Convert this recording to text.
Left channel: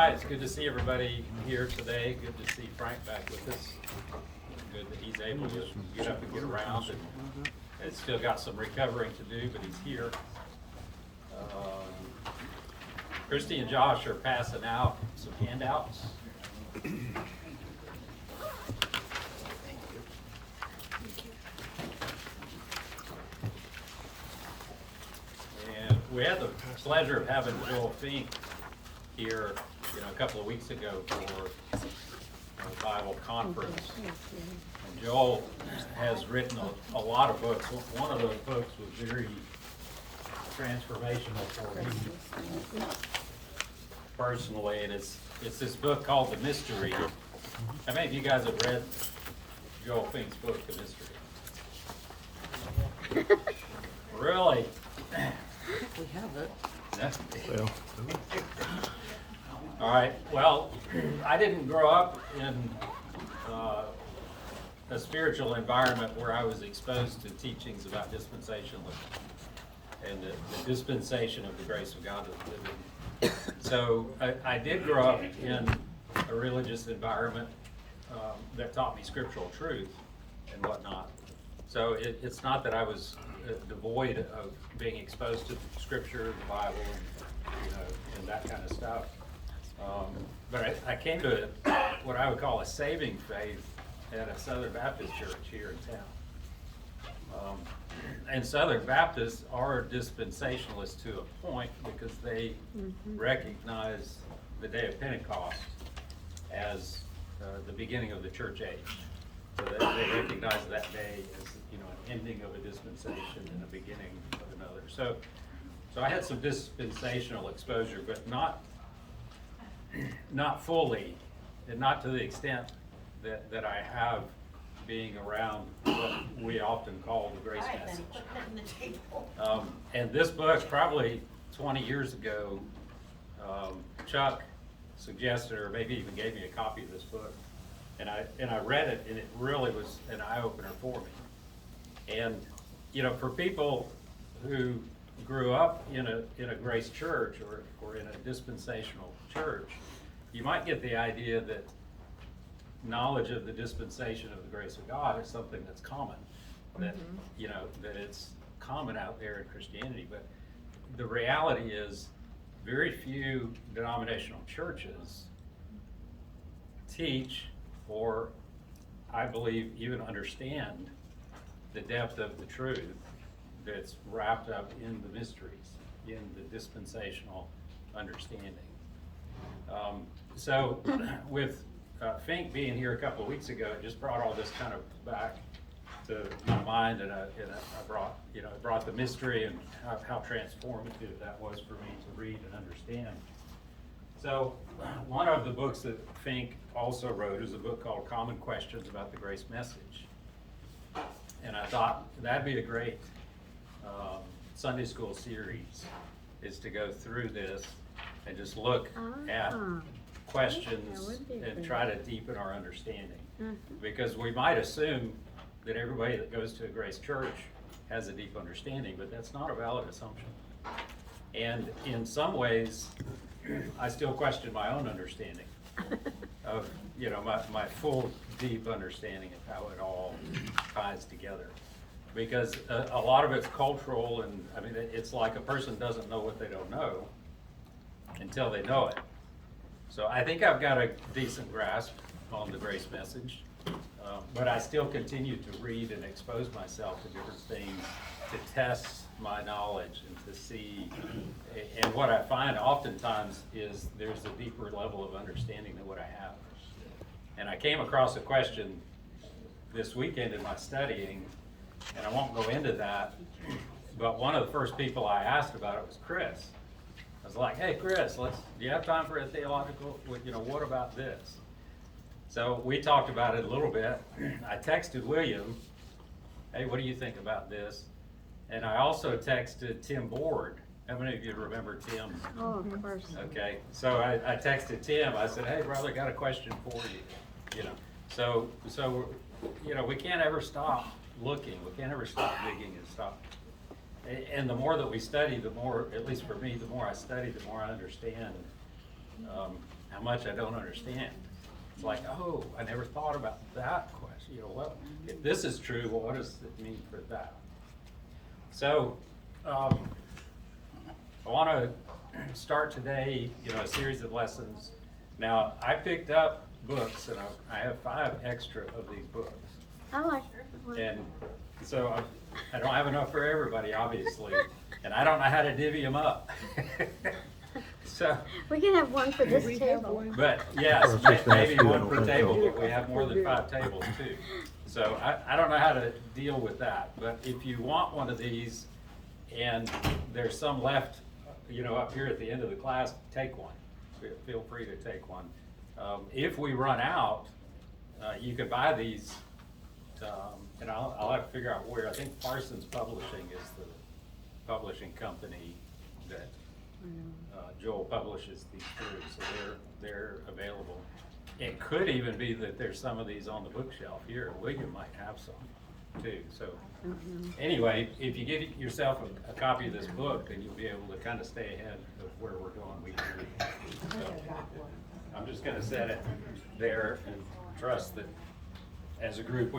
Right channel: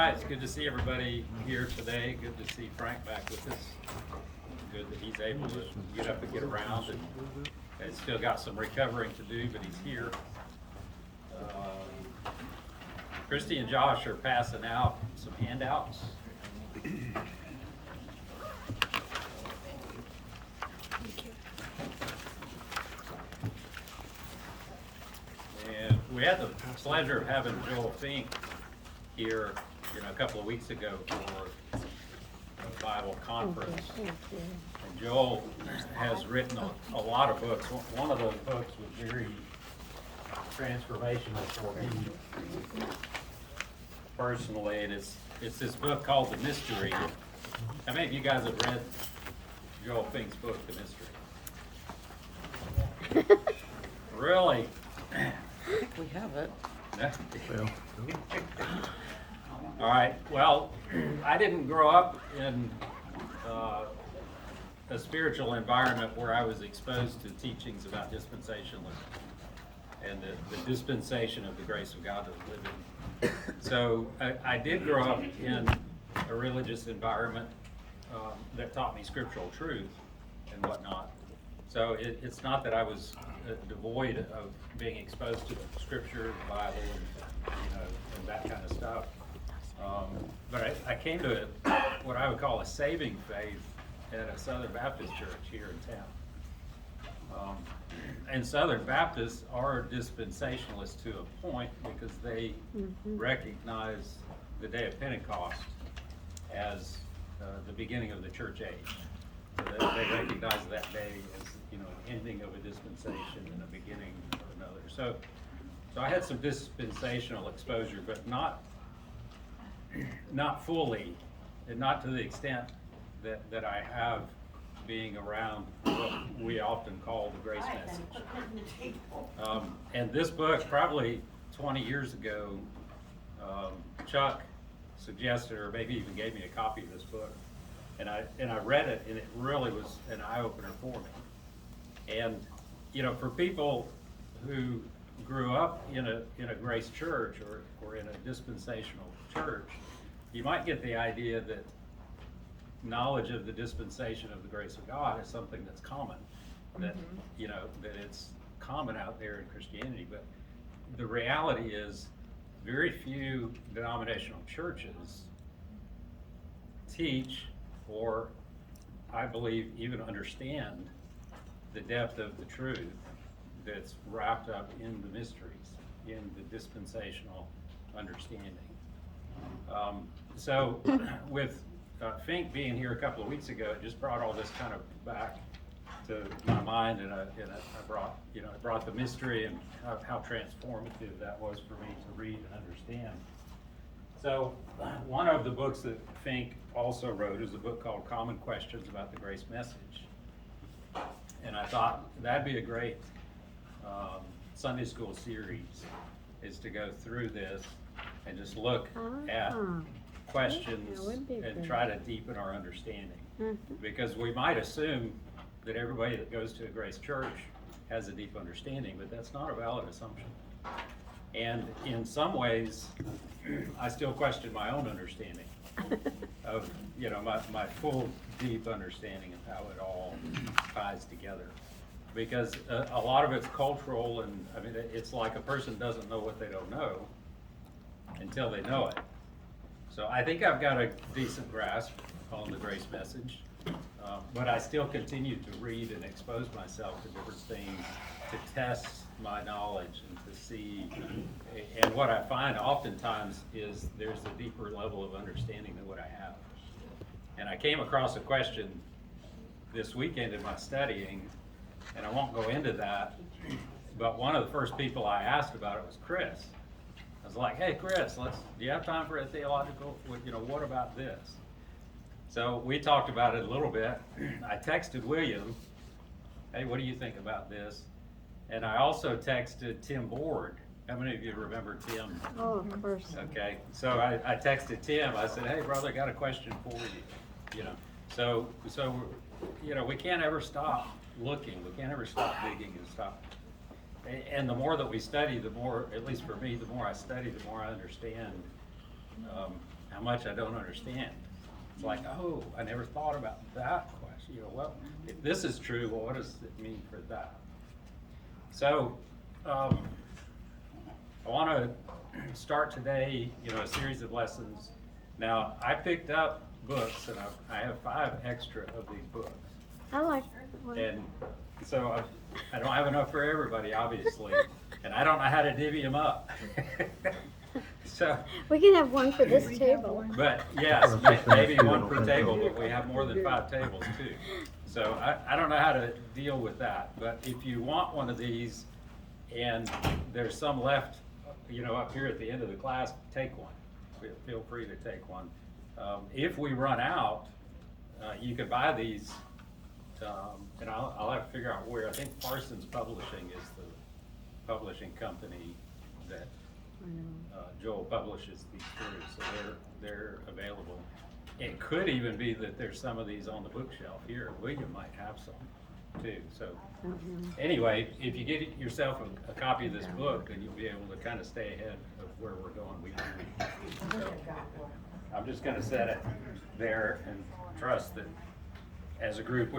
right, it's good to see everybody here today. Good to see Frank back with us. Good that he's able to get up and get around, and still got some recovering to do, but he's here. Christy and Josh are passing out some handouts. And we had the pleasure of having Joel Fink here, a couple of weeks ago for a Bible conference. And Joel has written a lot of books. One of those books was very transformational for me personally, and it's this book called The Mystery. How many of you guys have read Joel Fink's book, The Mystery? Really? We have it. Yeah. All right, well, I didn't grow up in a spiritual environment where I was exposed to teachings about dispensationalism and the dispensation of the grace of God that we live in. So I did grow up in a religious environment that taught me scriptural truth and whatnot. So it's not that I was devoid of being exposed to scripture, the Bible, and that kind of stuff. But I came to what I would call a saving faith at a Southern Baptist church here in town. And Southern Baptists are dispensationalists to a point because they recognize the day of Pentecost as the beginning of the church age. So they recognize that day as an ending of a dispensation and a beginning of another. So I had some dispensational exposure, but not fully, and not to the extent that I have being around what we often call the grace message. And this book, probably 20 years ago, Chuck suggested, or maybe even gave me a copy of this book, and I read it, and it really was an eye-opener for me. And for people who grew up in a grace church or in a dispensational church, you might get the idea that knowledge of the dispensation of the grace of God is something that's common, that that it's common out there in Christianity. But the reality is, very few denominational churches teach, or I believe even understand, the depth of the truth that's wrapped up in the mysteries, in the dispensational understanding. So with Fink being here a couple of weeks ago, it just brought all this kind of back to my mind, and I brought the mystery and how transformative that was for me to read and understand. So one of the books that Fink also wrote is a book called Common Questions About the Grace Message. And I thought that'd be a great Sunday school series, is to go through this and just look at questions and try to deepen our understanding. Because we might assume that everybody that goes to a grace church has a deep understanding, but that's not a valid assumption. And in some ways, I still question my own understanding of, my full, deep understanding of how it all ties together. Because a lot of it's cultural, and it's like a person doesn't know what they don't know until they know it. So I think I've got a decent grasp on the grace message, but I still continue to read and expose myself to different things to test my knowledge and to see. And what I find oftentimes is there's a deeper level of understanding than what I have. And I came across a question this weekend in my studying, and I won't go into that, but one of the first people I asked about it was Chris. I was like, hey, Chris, do you have time for a theological, what about this? So we talked about it a little bit. I texted William, hey, what do you think about this? And I also texted Tim Board. How many of you remember Tim? Oh, of course. Okay, so I texted Tim. I said, hey, brother, I got a question for you. So we can't ever stop looking. We can't ever stop digging and stop. And the more that we study, the more, at least for me, the more I study, the more I understand how much I don't understand. It's like, oh, I never thought about that question, you know, well, if this is true, well, what does it mean for that? So, I wanna start today, you know, a series of lessons. Now, I picked up books, and I have 5 extra of these books. I like that. And so I don't have enough for everybody, obviously, and I don't know how to divvy them up. So, We can have one for this table. but yes, maybe one per table, but we have more than 5 tables too. So I don't know how to deal with that, but if you want one of these and there's some left, you know, up here at the end of the class, take one. Feel free to take one. If we run out, you can buy these, and I'll have to figure out where. I think Parsons Publishing is the publishing company that Joel publishes these through, so they're available. It could even be that there's some of these on the bookshelf here. William might have some too. So anyway, if you get yourself a copy of this book, then you'll be able to kind of stay ahead of where we're going week to week. So I'm just gonna set it there and trust that as a group, we